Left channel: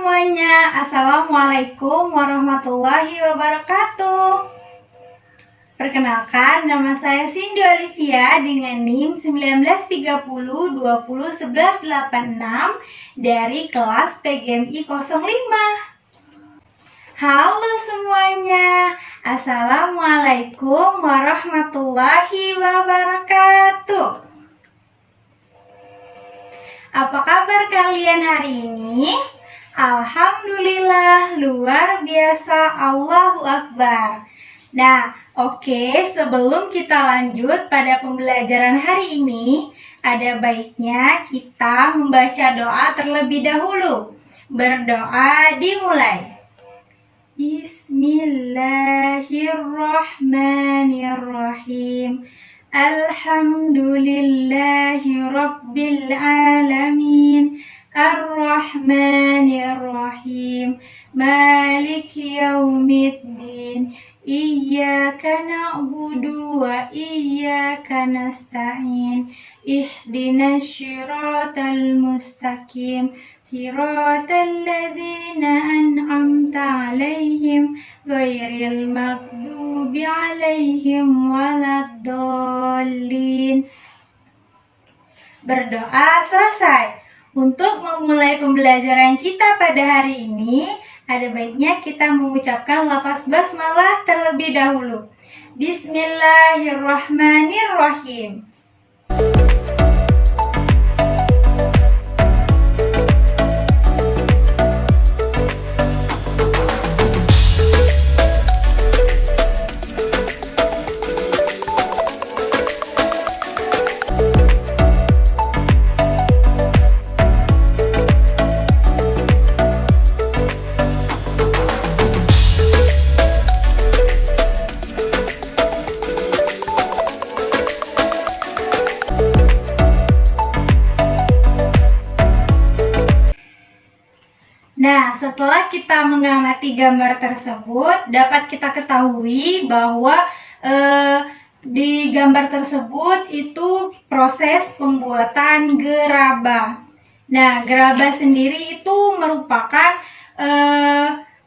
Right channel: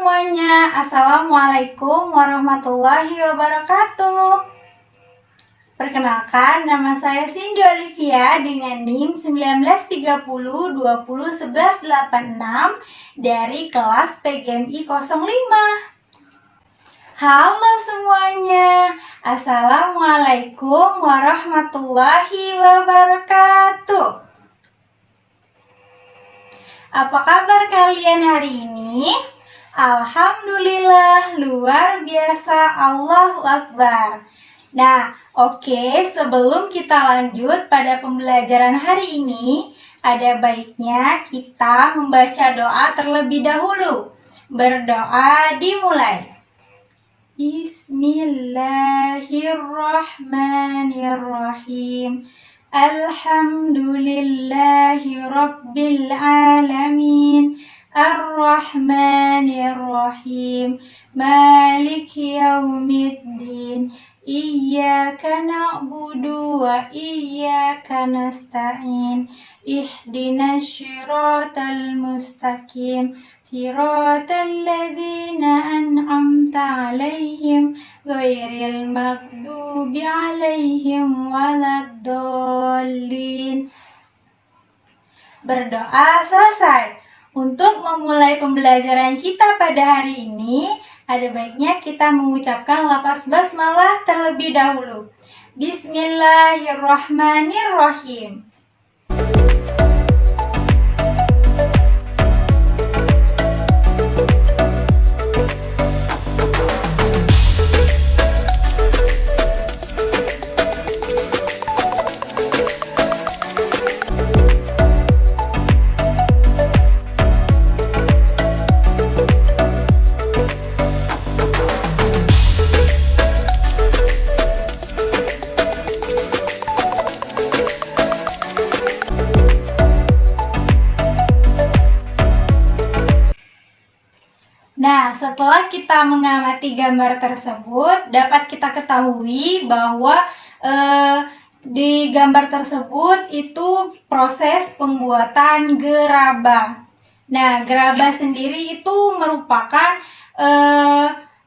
semuanya, Assalamualaikum warahmatullahi wabarakatuh. Perkenalkan, nama saya Cindy Olivia dengan NIM 1930201186 dari kelas PGMI 05. Halo semuanya, Assalamualaikum warahmatullahi wabarakatuh. Apa kabar kalian hari ini? Alhamdulillah, luar biasa, Allahu Akbar. Nah, oke, sebelum kita lanjut pada pembelajaran hari ini, ada baiknya kita membaca doa terlebih dahulu. Berdoa dimulai. Bismillahirrahmanirrahim. Alhamdulillahi Rabbil Alamin. Ar-Rahmanir-Rahim. Maliki Yaumiddin. Iyyaka na'budu wa iyyaka nasta'in. Ihdinas syiratal mustaqim. Siratal ladzina an'amta 'alaihim ghairil maghdubi 'alaihim waladdallin. Berdoa selesai. Untuk memulai pembelajaran kita pada hari ini, ada baiknya kita mengucapkan lafaz basmalah terlebih dahulu. Bismillahirrahmanirrahim. Nah, setelah kita mengamati gambar tersebut, dapat kita ketahui bahwa di gambar tersebut itu proses pembuatan gerabah. Nah, gerabah sendiri itu merupakan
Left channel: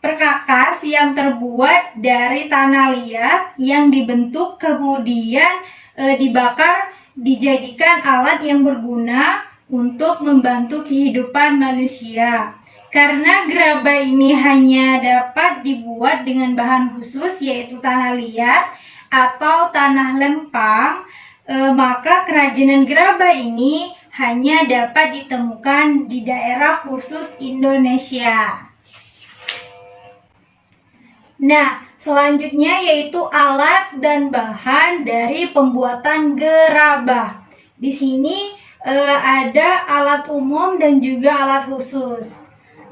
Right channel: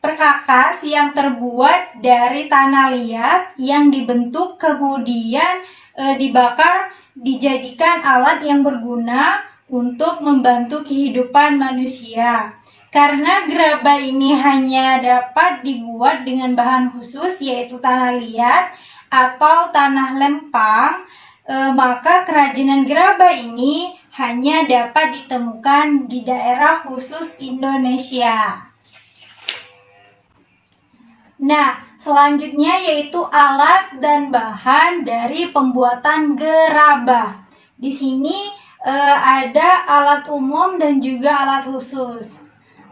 perkakas yang terbuat dari tanah liat yang dibentuk kemudian dibakar, dijadikan alat yang berguna untuk membantu kehidupan manusia. Karena gerabah ini hanya dapat dibuat dengan bahan khusus yaitu tanah liat atau tanah lempang, maka kerajinan gerabah ini hanya dapat ditemukan di daerah khusus Indonesia. Nah, selanjutnya yaitu alat dan bahan dari pembuatan gerabah. Di sini ada alat umum dan juga alat khusus.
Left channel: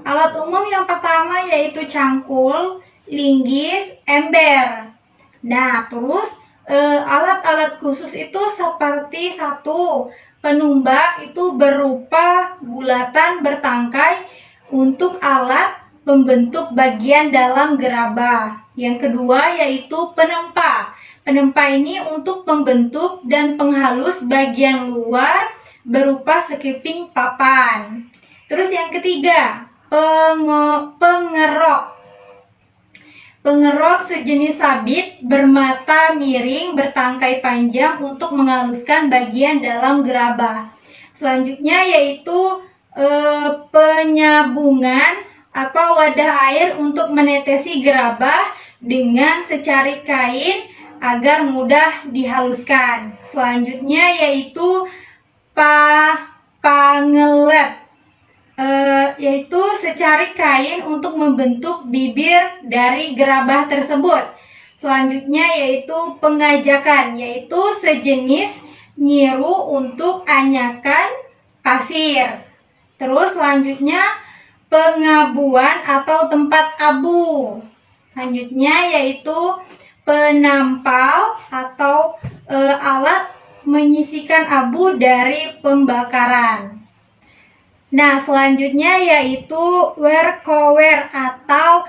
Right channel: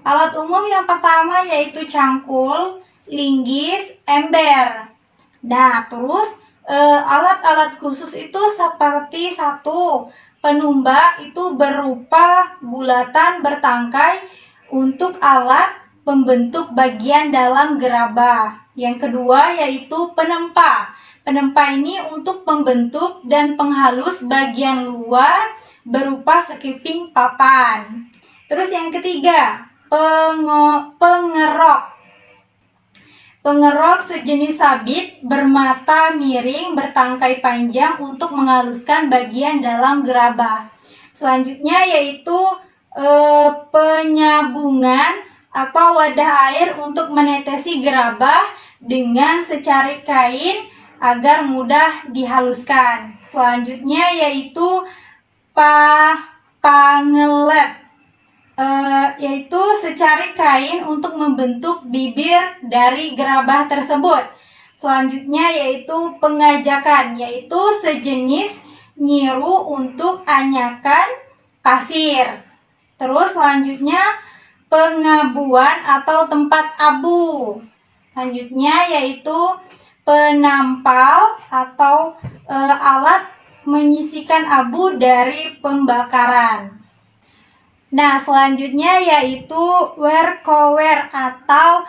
Alat umum yang pertama yaitu cangkul, linggis, ember. Nah, terus alat-alat khusus itu seperti satu, penumba itu berupa bulatan bertangkai untuk alat pembentuk bagian dalam gerabah. Yang kedua yaitu penempa. Penempa ini untuk pembentuk dan penghalus bagian luar berupa sekiping papan. Terus yang ketiga, pengerok. Pengerok sejenis sabit bermata miring bertangkai panjang untuk menghaluskan bagian dalam gerabah. Selanjutnya yaitu penyabungan atau wadah air untuk menetesi gerabah dengan secari kain agar mudah dihaluskan. Selanjutnya yaitu pangelet. Yaitu secari kain untuk membentuk bibir dari gerabah tersebut. Selanjutnya yaitu pengajakan, yaitu sejenis nyiru untuk anyakan pasir. Terus selanjutnya pengabuan atau tempat abu. Selanjutnya yaitu penampal atau alat menyisikan abu dari pembakaran. Nah, selanjutnya yaitu werkower atau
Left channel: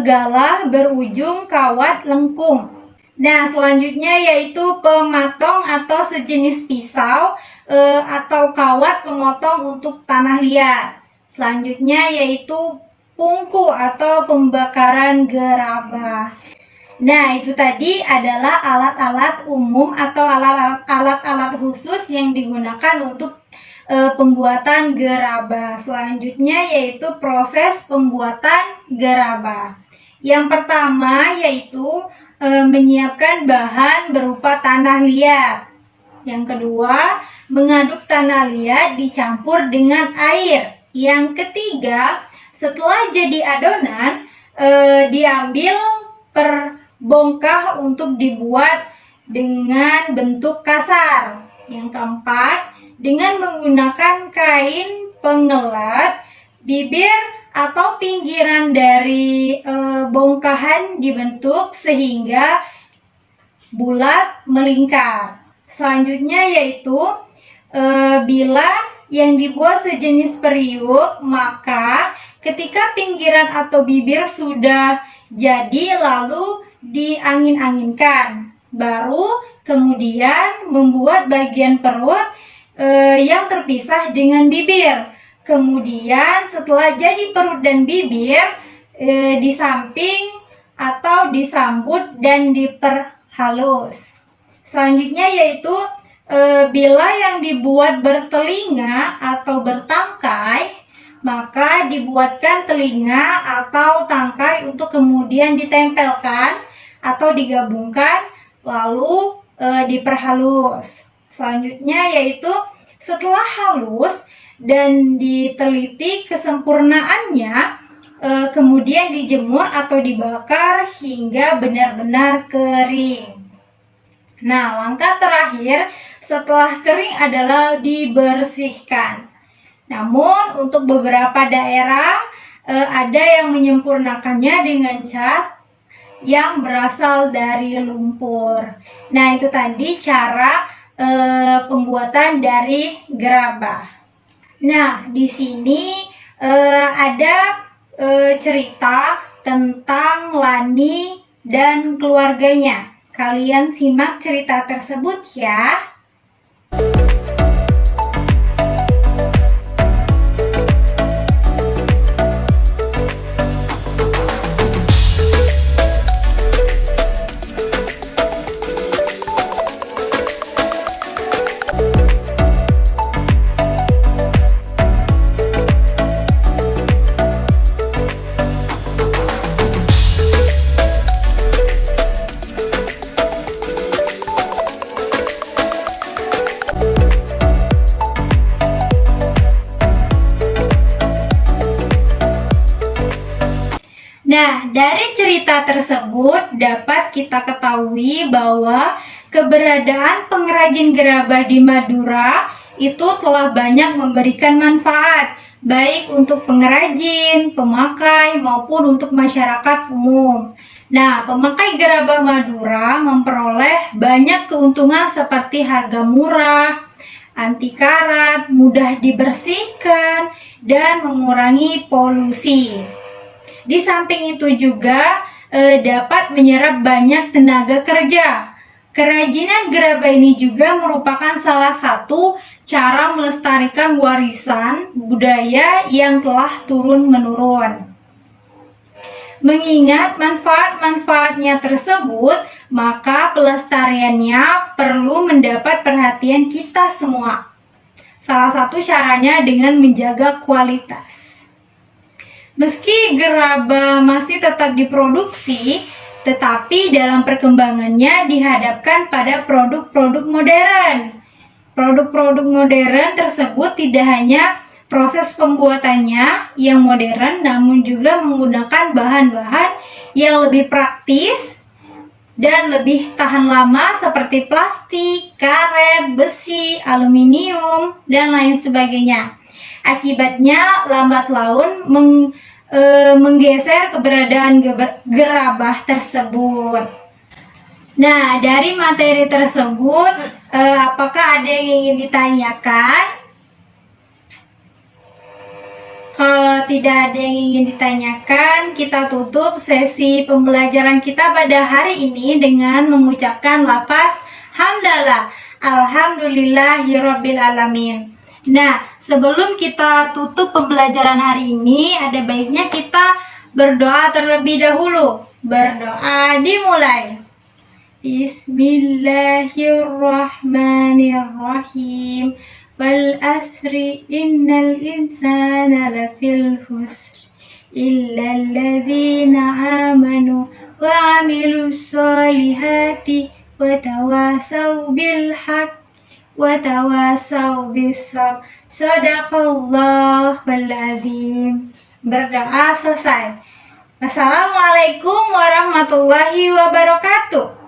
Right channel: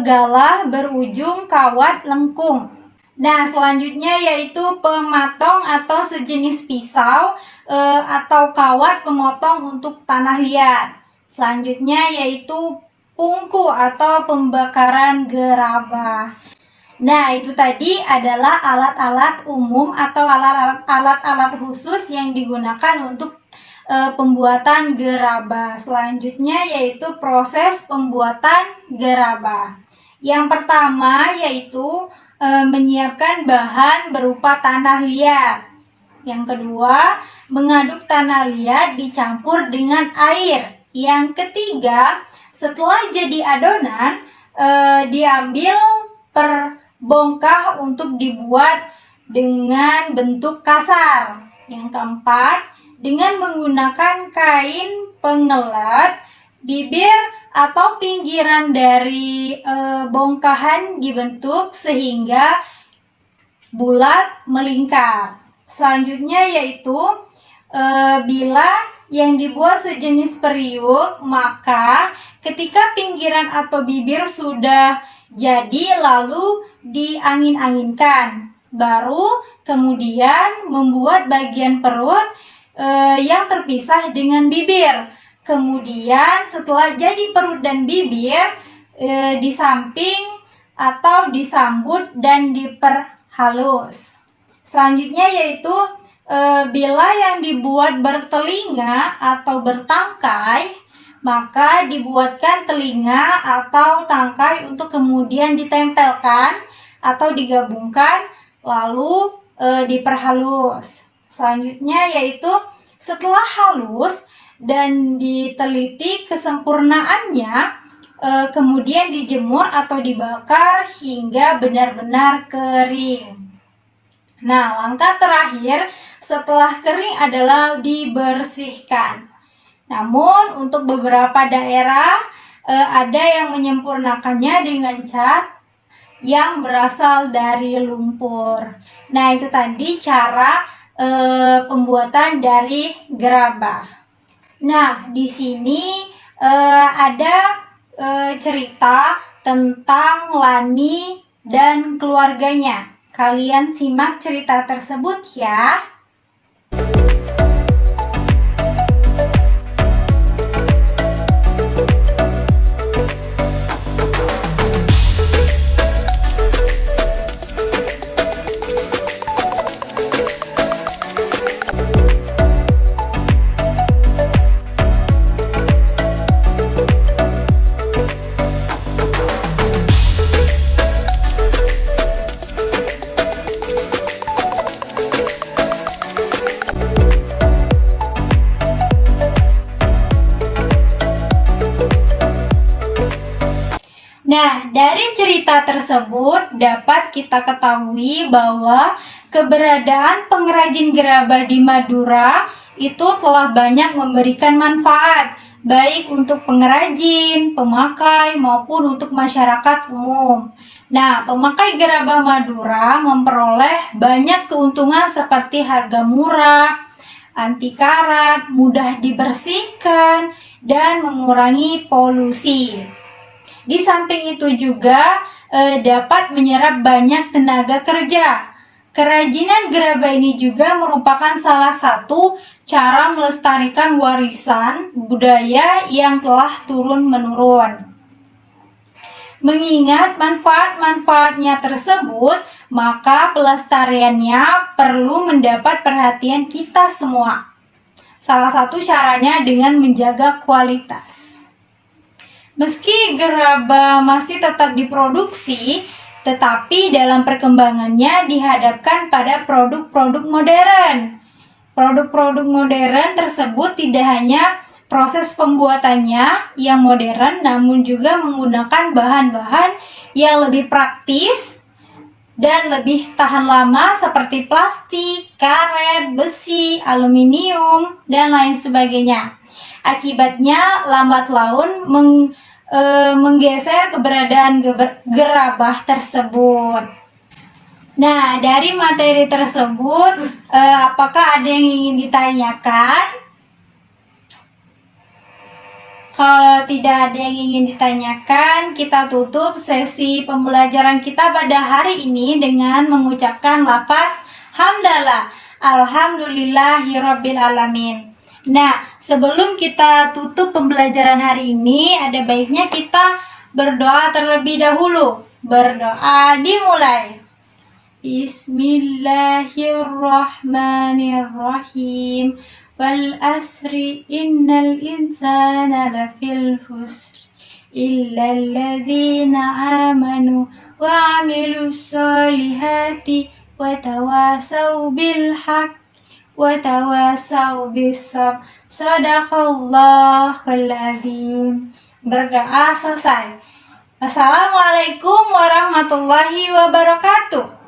galah berujung kawat lengkung. Nah, selanjutnya yaitu pematong atau sejenis pisau atau kawat pemotong untuk tanah liat. Selanjutnya yaitu pungku atau pembakaran gerabah. Nah, itu tadi adalah alat-alat umum atau alat-alat khusus yang digunakan untuk pembuatan gerabah. Selanjutnya yaitu proses pembuatan gerabah. Yang pertama yaitu menyiapkan bahan berupa tanah liat. Yang kedua, mengaduk tanah liat dicampur dengan air. Yang ketiga, setelah jadi adonan, diambil per bongkah untuk dibuat dengan bentuk kasar. Yang keempat, dengan menggunakan kain pengelat, bibir atau pinggiran dari bongkahan dibentuk sehingga bulat melingkar. Selanjutnya yaitu bila yang dibuat sejenis periuk, maka ketika pinggiran atau bibir sudah jadi lalu diangin-anginkan, baru kemudian membuat bagian perut yang terpisah dengan bibir. Kemudian setelah jadi perut dan bibir, di samping atau disambut dan diperhalus. Selanjutnya yaitu bila yang dibuat bertelinga atau bertangkai, maka dibuatkan telinga atau tangkai untuk kemudian ditempelkan atau digabungkan lalu diperhalus. Selanjutnya yaitu setelah halus dan diteliti kesempurnaannya, kemudian dijemur atau dibakar hingga benar-benar kering. Nah, langkah terakhir setelah kering adalah dibersihkan. Namun untuk beberapa daerah ada yang menyempurnakannya dengan cat yang berasal dari lumpur. Nah, itu tadi cara pembuatan dari gerabah. Nah, di sini ada cerita tentang Lani dan keluarganya. Kalian simak cerita tersebut ya. Nah, dari cerita tersebut dapat kita ketahui bahwa keberadaan pengrajin gerabah di Madura itu telah banyak memberikan manfaat, baik untuk pengrajin, pemakai, maupun untuk masyarakat umum. Nah, pemakai gerabah Madura memperoleh banyak keuntungan seperti harga murah, anti karat, mudah dibersihkan, dan mengurangi polusi. Di samping itu juga dapat menyerap banyak tenaga kerja. Kerajinan gerabah ini juga merupakan salah satu cara melestarikan warisan budaya yang telah turun-menurun. Mengingat manfaat-manfaatnya tersebut, maka pelestariannya perlu mendapat perhatian kita semua. Salah satu caranya dengan menjaga kualitas. Meski gerabah masih tetap diproduksi, tetapi dalam perkembangannya dihadapkan pada produk-produk modern. Produk-produk modern tersebut tidak hanya proses pembuatannya yang modern, namun juga menggunakan bahan-bahan yang lebih praktis dan lebih tahan lama seperti plastik, karet, besi, aluminium, dan lain sebagainya. Akibatnya lambat laun menggeser keberadaan gerabah tersebut. Nah, dari materi tersebut, apakah ada yang ingin ditanyakan? Kalau tidak ada yang ingin ditanyakan, kita tutup sesi pembelajaran kita pada hari ini dengan mengucapkan lafaz hamdalah. Alhamdulillahirabbil alamin. Nah, Sebelum kita tutup pembelajaran hari ini, ada baiknya kita berdoa terlebih dahulu. Berdoa dimulai. Bismillahirrahmanirrahim. Wal asri innal insana lafil husr illa alladhina amanu wa amilus solihati wa tawasaw bil haqq wa tawasaw bis sabr. Shadaqallahul azim. Berdoa selesai. Assalamualaikum warahmatullahi wabarakatuh.